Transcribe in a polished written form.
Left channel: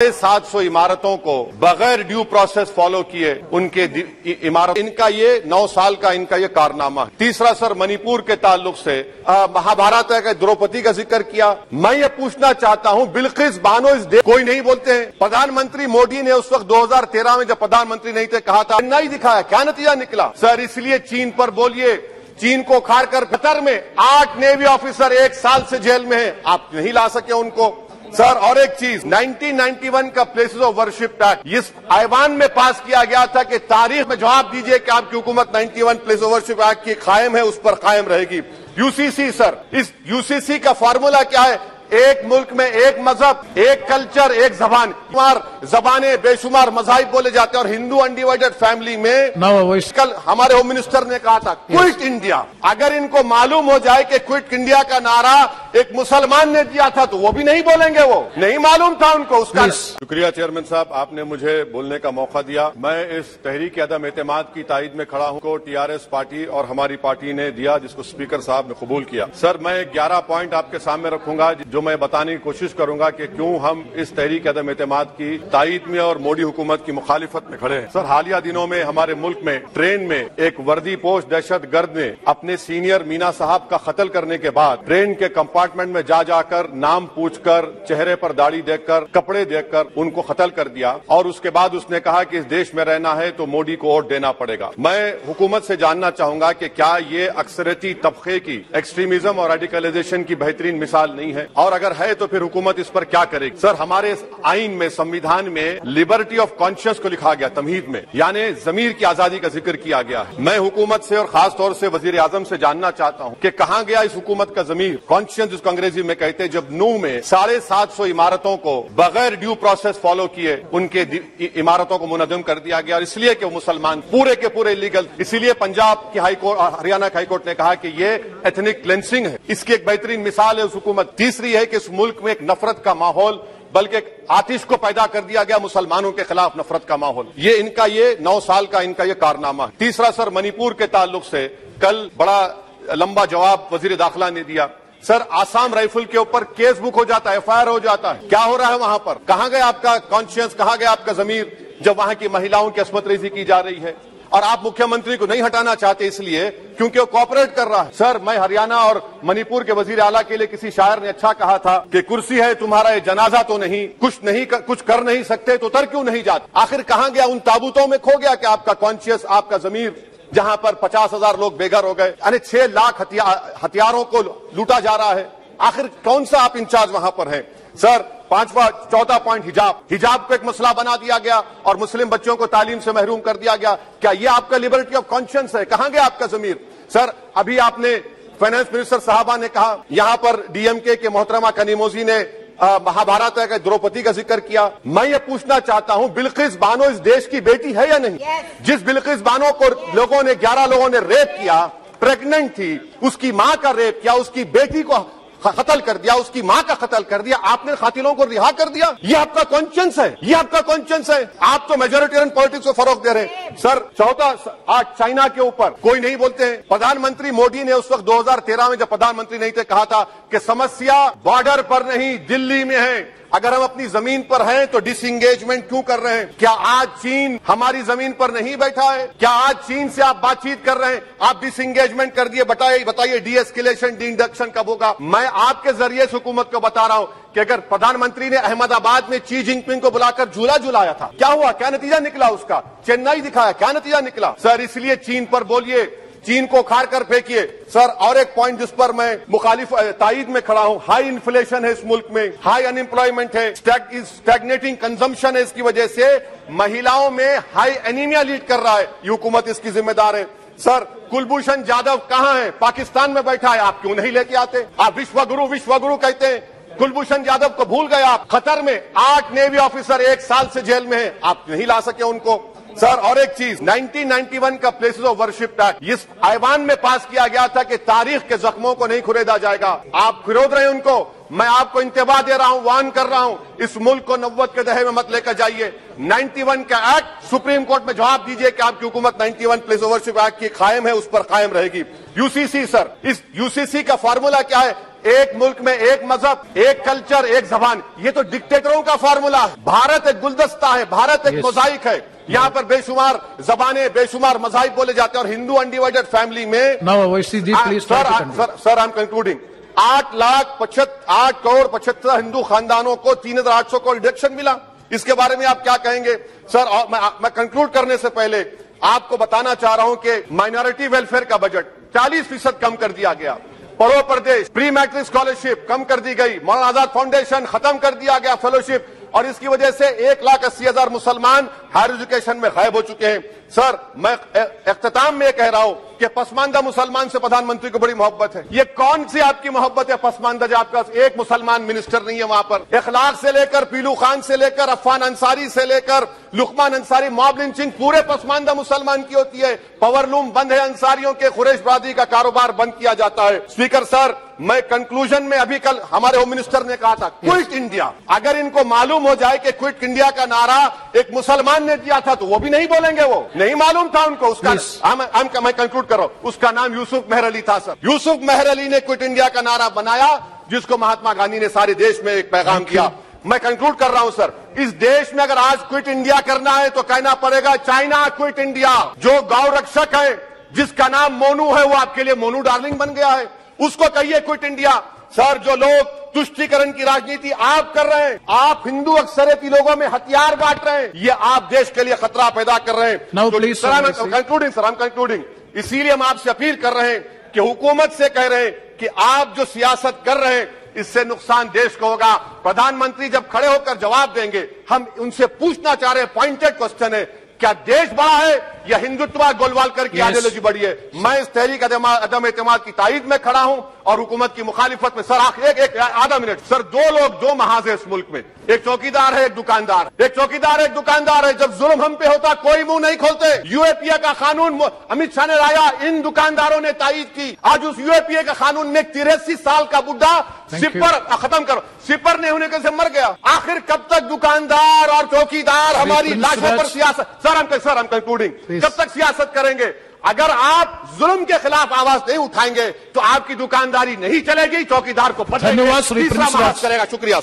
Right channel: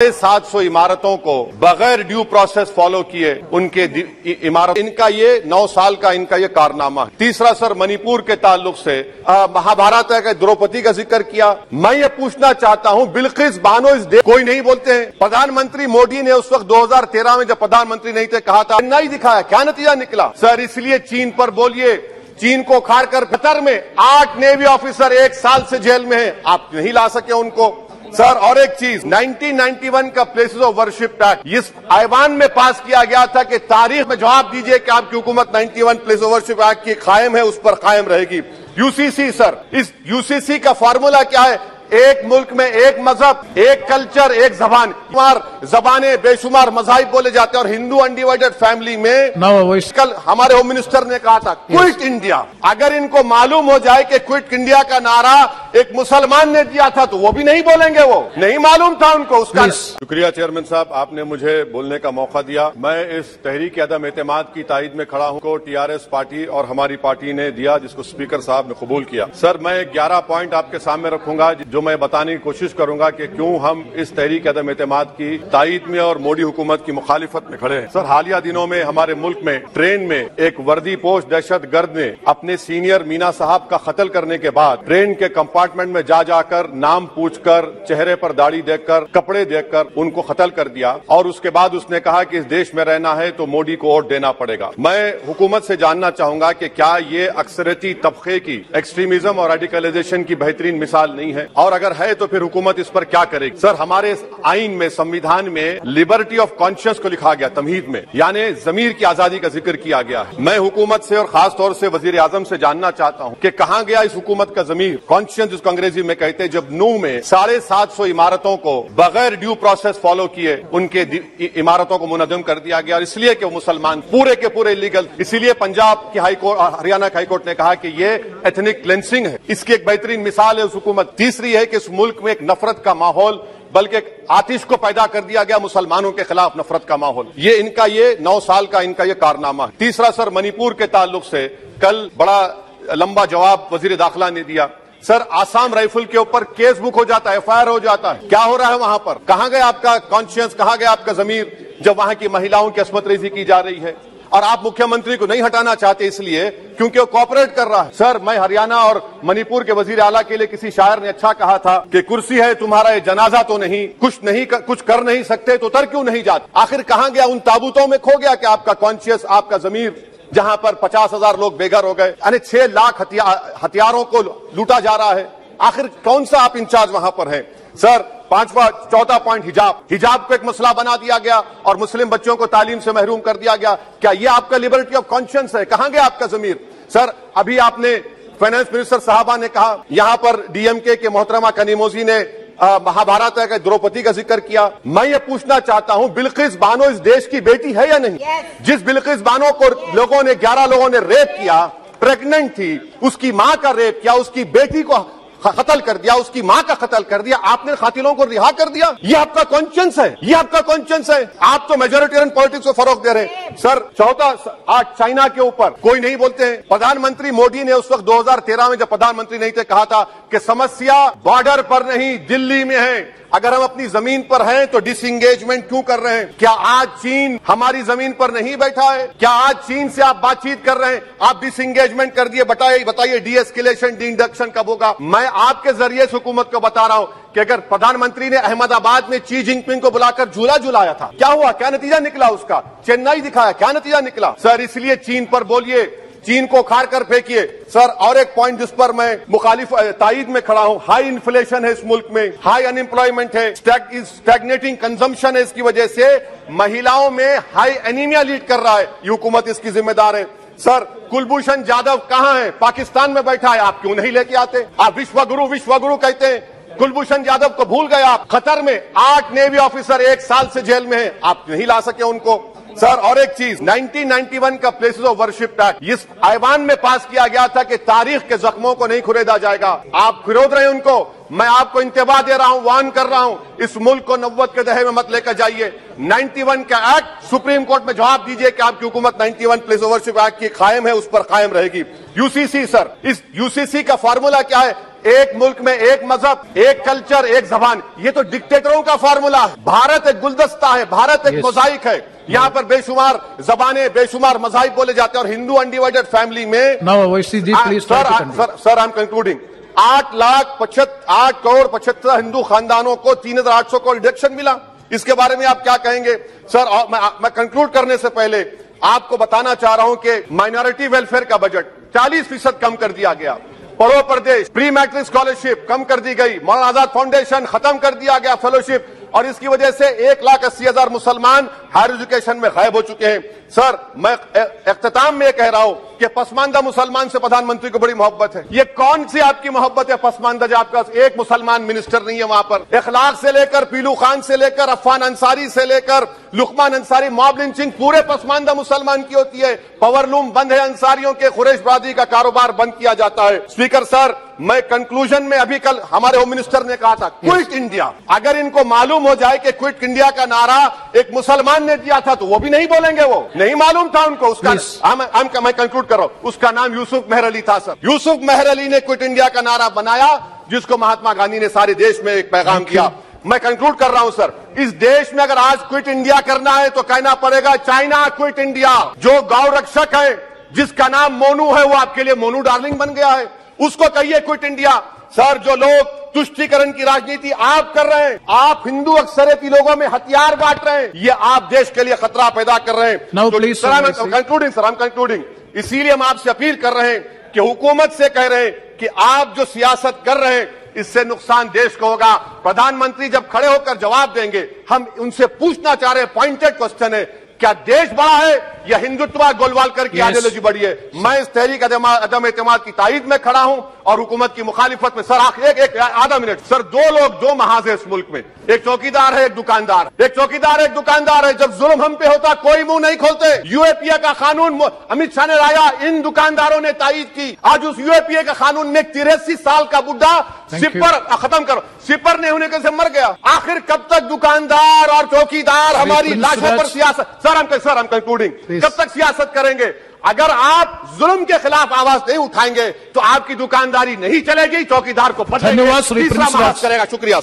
700 इमारतों को बगैर ड्यू प्रोसेस फॉलो किए उनके इमारत, इनका ये 9 साल का इनका ये कारनामा है। तीसरा सर, मणिपुर के ताल्लुक से महाभारत है, द्रौपदी का जिक्र किया। मैं ये पूछना चाहता हूं, बिल्किस बानो इस देश कोई नहीं बोलते हैं। प्रधानमंत्री मोदी ने उस वक्त 2013 में जब प्रधानमंत्री नहीं थे कहा था, नहीं दिखाया, क्या नतीजा निकला सर? इसलिए चीन पर बोलिए, चीन को खाड़ कर कतर में 8 नेवी ऑफिसर 1 साल से जेल में है, आप नहीं ला सके उनको सर। और एक चीज, 1991 का प्लेसेस ऑफ वर्शिप एक्ट इस ऐवान में पास किया गया था कि तारीख में जवाब दीजिए कि आपकी हुकूमत 91 प्लेस ऑफ वर्शिप एक्ट की कायम है, उस पर कायम रहेगी। यूसीसी सर, इस यूसीसी का फॉर्मूला क्या है? एक मुल्क में एक मजहब, एक कल्चर, एक जबान, जबानें बेशुमार मजाहिब बोले जाते हैं और हिंदू अनडिवाइडेड फैमिली में कल हमारे होम मिनिस्टर ने कहा था क्विट इंडिया। अगर इनको मालूम हो जाए कि क्विट इंडिया का नारा एक मुसलमान ने दिया था तो वो भी नहीं बोलेंगे, वो नहीं मालूम था उनको उसका। शुक्रिया चेयरमैन साहब, आपने मुझे बोलने का मौका दिया। मैं इस तहरीक अदम एतमाद की तायद में खड़ा हूं को टीआरएस पार्टी और हमारी पार्टी ने दिया, जिसको स्पीकर साहब ने कबूल किया। सर, मैं 11 पॉइंट आपके सामने रखूंगा जो मैं बताने की कोशिश करूंगा कि क्यों हम इस तहरीक अदम एतमाद की तायद में और मोदी हुकूमत की मुखालिफत में खड़े हैं। सर, हालिया दिनों में हमारे मुल्क में ट्रेन में एक वर्दी पोश दहशतगर्द ने अपने सीनियर मीना साहब का कत्ल करने के बाद ट्रेन के कंपार्टमेंट में जा जाकर नाम पूछकर, चेहरे पर दाढ़ी देखकर, कपड़े देखकर उनको कत्ल कर दिया और उसके बाद उसने कहा कि इस देश में रहना है तो मोदी को वोट देना पड़ेगा। मैं हुकूमत से जानना चाहूंगा कि क्या ये अक्सरियती तबके की एक्सट्रीमिज्म और रेडिकलाइजेशन की बेहतरीन मिसाल नहीं है, और अगर है तो फिर हुकूमत इस पर क्या करेगी? सर, हमारे आइन में, संविधान में लिबर्टी ऑफ कॉन्शियस को लिखा गया, तमहीद में, यानी जमीर की आजादी का जिक्र किया गया है। मैं हुकूमत से और खास तौर से वजीर आजम से जानना चाहता हूं कि कहां गया इस हुकूमत का जमीर, कॉन्शियस जिसको अंग्रेजी में कहते हैं, जब नू में 750 इमारतों को बगैर ड्यू प्रोसेस फॉलो किए उनके इमारतों को मुनज़्ज़म कर दिया गया, और इसलिए कि मुसलमान पूरे के पूरे इलीगल। इसीलिए पंजाब की हाईकोर्ट, हरियाणा की हाईकोर्ट ने कहा कि ये एथनिक क्लेंसिंग है, इसकी एक बेहतरीन मिसाल है उस हुकूमत। तीसरी है कि इस मुल्क में एक नफरत का माहौल, बल्कि आतिश को पैदा कर दिया गया, मुसलमानों के खिलाफ नफरत का माहौल। ये इनका ये 9 साल का इनका ये कारनामा। तीसरा सर, मणिपुर के ताल्लुक से कल बड़ा लंबा जवाब वजीर दाखिला ने दिया। सर, आसाम राइफल के ऊपर केस बुक हो जाता है, एफआईआर हो जाता है, क्या हो रहा है वहां पर? कहां गया आपका कॉन्शियस, कहां गया आपका जमीर जब वहां की महिलाओं की अस्मत रेजी की जा रही है? और आप मुख्यमंत्री को नहीं हटाना चाहते इसलिए क्योंकि वो कोऑपरेट कर रहा है। सर, मैं हरियाणा और मणिपुर के वजीर आला के लिए, किसी शायर ने अच्छा कहा था कि कुर्सी है तुम्हारा ये जनाजा तो नहीं, कुछ कर नहीं सकते तो उतर क्यों नहीं जाते? आखिर कहां गया? उन ताबूतों में खो गया क्या आपका कॉन्शियस, आपका जमीर, जहां पर 50,000 लोग बेघर हो गए, यानी 6 लाख हथियारों को लूटा जा रहा है? आखिर कौन सा आप इंचार्ज वहां पर हैं? सर, 4था पॉइंट, हिजाब को एक मसला बना दिया गया और मुस्लिम बच्चों को तालीम से महरूम कर दिया गया। क्या ये आपका लिबर्टी ऑफ कॉन्शियंस है? कहां गया आपका जमीर? सर, अभी आपने फाइनेंस मिनिस्टर साहबा ने कहा, यहां पर डीएमके के मोहतरमा कनीमोजी ने महाभारत का द्रौपदी का जिक्र किया। मैं ये पूछना चाहता हूं, बिल्किस बानो इस देश की बेटी है या नहीं? जिस बिल्किस बानो को 11 लोगों ने रेप किया, प्रेग्नेंट थी, उसकी मां का रेप किया, उसकी बेटी को कत्ल कर दिया, उसकी मां का कत्ल कर दिया, आपने कातिलों को रिहा कर दिया। ये आपका कॉन्शियंस है? ये आपका कॉन्शियंस है? आप तो मेजोरिटेरियन पॉलिटिक्स को फरोग दे रहे। सर, चौथा, आज चाइना के ऊपर कोई नहीं बोलते हैं। प्रधानमंत्री मोदी ने उस वक्त 2013 में जब प्रधानमंत्री नहीं थे कहा था कि समस्या बॉर्डर पर नहीं, दिल्ली में है। अगर हम अपनी जमीन पर हैं तो डिसएंगेजमेंट क्यों कर रहे हैं? क्या आज चीन हमारी जमीन पर नहीं बैठा है? क्या आज चीन से आप बातचीत कर रहे हैं? आप डिसएंगेजमेंट कर दिए, बताइए डी एस्केलेशन, डी इंडक्शन कब होगा? मैं आपके जरिए से हुकूमत को बता रहा हूं कि अगर प्रधानमंत्री ने अहमदाबाद में शी जिनपिंग को बुलाकर झूला झुलाया था, क्या हुआ? क्या नतीजा निकला उसका? चेन्नई दिखाया, क्या नतीजा निकला? सर, इसलिए चीन पर बोलिए, चीन को खाड़ कर फेंकिए। सर, और एक पॉइंट जिस पर मैं मुखालिफ तायद में खड़ा हूं, हाई इन्फ्लेशन है इस मुल्क में, हाई अनएम्प्लॉयमेंट है, स्टैग्नेटिंग कंजम्पशन है, इसकी वजह से महिलाओं में हाई एनीमिया लीड कर रहा है। ये हुकूमत इसकी जिम्मेदार है। सर, कुलभूषण जाधव कहां है? पाकिस्तान में बैठा है, आप क्यों नहीं लेके आते? आप विश्वगुरु कहते हैं, कुलभूषण जाधव को भूल गए आप। कतर में 8 नेवी ऑफिसर 1 साल से जेल में है, आप नहीं ला सके उनको। सर, और एक चीज, 1991 का प्लेसेस ऑफ वर्शिप एक्ट इस ऐवान में पास किया गया था कि तारीख के जख्मों को नहीं खुरेदा जाएगा। आप खुरोद रहे हैं उनको। मैं आपको इंतबाह दे रहा हूं, वार्न कर रहा हूं, इस मुल्क को 90 के दहे में मत लेकर जाइए। 91 का एक्ट, सुप्रीम कोर्ट में जवाब दीजिए कि आपकी हुकूमत 91 प्लेस ऑफ वर्शिप एक्ट की कायम है, उस पर कायम रहेगी। यूसीसी सर, इस यूसीसी का फार्मूला क्या है? एक मुल्क में एक मजहब, एक कल्चर, एक जबान, ये तो डिक्टेटरों का फार्मूला है। भारत एक गुलदस्ता है, भारत एक मोजाइक है। यहाँ पर बेशुमार जबानें, बेशुमार मज़ाहिब बोले जाते हैं और हिंदू अनडिवाइडेड फैमिली में sir I am concluding 8 crore 75 Hindu खानदानों को 3,800 करोड़ डिडक्शन मिला। इसके बारे में आप क्या कहेंगे सर? मैं कंक्लूड करने से पहले आपको बताना चाह रहा हूं कि माइनॉरिटी वेलफेयर का बजट 40% कम कर दिया गया। पढ़ो प्रदेश प्री मैट्रिक स्कॉलरशिप कम कर दी गई। मौलाना आजाद फाउंडेशन खत्म कर दिया गया फेलोशिप, और इसकी वजह से 1,80,000 मुसलमान हायर एजुकेशन में गायब हो चुके हैं। सर मैं इख्तिताम में कह रहा हूं कि पसमानदा मुसलमान से प्रधानमंत्री को बड़ी मोहब्बत है। ये कौन सी आपकी मोहब्बत है पसमानदा, जो आपका एक मुसलमान मिनिस्टर नहीं है वहां पर? इखलाक से लेकर पीलू खान से लेकर अफान अंसारी से लेकर लुकमान अंसारी, मॉब लिंचिंग पूरे पसमानदा मुसलमान की होती है। पावरलूम बंद है, अंसारियों के कुरैश बरादरी का कारोबार बंद किया जाता है। स्पीकर सर मैं कंक्लूजन में अभी कल हमारे होम मिनिस्टर ने कहा था क्विट इंडिया, अगर इनको मालूम हो जाए कि क्विट इंडिया का नारा एक मुसलमान ने दिया था तो वो भी नहीं बोलेंगे, वो नहीं मालूम था उनको। उसका मैं कंक्लूड कर रहा हूं, उसका नाम यूसुफ मेहर अली था सर। यूसुफ मेहर अली ने क्विट इंडिया का नारा बनाया, जिसको महात्मा गांधी ने सारे देश में एक पैगाम किया। मैं कंक्लूड कर रहा हूं सर, इस देश में अगर आज क्विट इंडिया करना है तो कहना पड़ेगा चाइना क्विट इंडिया। जो गौ रक्षक है जिसका नाम मोनू है, वो आपके लिए मोनू डार्लिंग बन गया है, उसको कहिए क्विट इंडिया। सर जो लोग तुष्टीकरण की राजनीति आप कर रहे हैं, आप हिंदू अक्सरियती लोगों में हथियार बांट रहे हैं, ये आप देश के लिए खतरा पैदा कर रहे हैं। कंक्लूडिंग इसीलिए हम आपसे अपील कर रहे हैं कि हुकूमत से कह रहे हैं कि आप जो सियासत कर रहे हैं इससे नुकसान देश को होगा। प्रधानमंत्री जब खड़े होकर जवाब देंगे, हम उनसे पूछना चाह रहे हैं, पॉइंटेड क्वेश्चन है, क्या देश बड़ा है या हिंदुत्व गोलवालकर की आइडियोलॉजी बड़ी है? मैं इस तहरीक अदम एतमाद की तायीद में खड़ा हूं और हुकूमत की मुखालिफत में। सर आखिर एक आधा मिनट सर, दो महाज है इस मुल्क में, एक चौकीदार है, एक दुकानदार। एक चौकीदार एक दुकानदार है। जब जुल्म हम पे होता कोई मुंह नहीं खोलते। यूएपीए का कानून अमित शाह ने लाया, इन दुकानदारों ने तायीद की। आज उस यूएपीए के कानून में 83 साल का बुढ़ा सिपर खत्म करो, सिपर नहीं होने के से मर गया। आखिर कब तक दुकानदार और चौकीदार हमारी लाशों पर सियासत? सर हम कंक्लूडिंग, कब तक सियासत करेंगे? अगर आप जुल्म के खिलाफ आवाज नहीं उठाएंगे तो आपकी दुकानदारी नहीं चलेगी, चौकीदार को धन्यवाद। करेगा। शुक्रिया।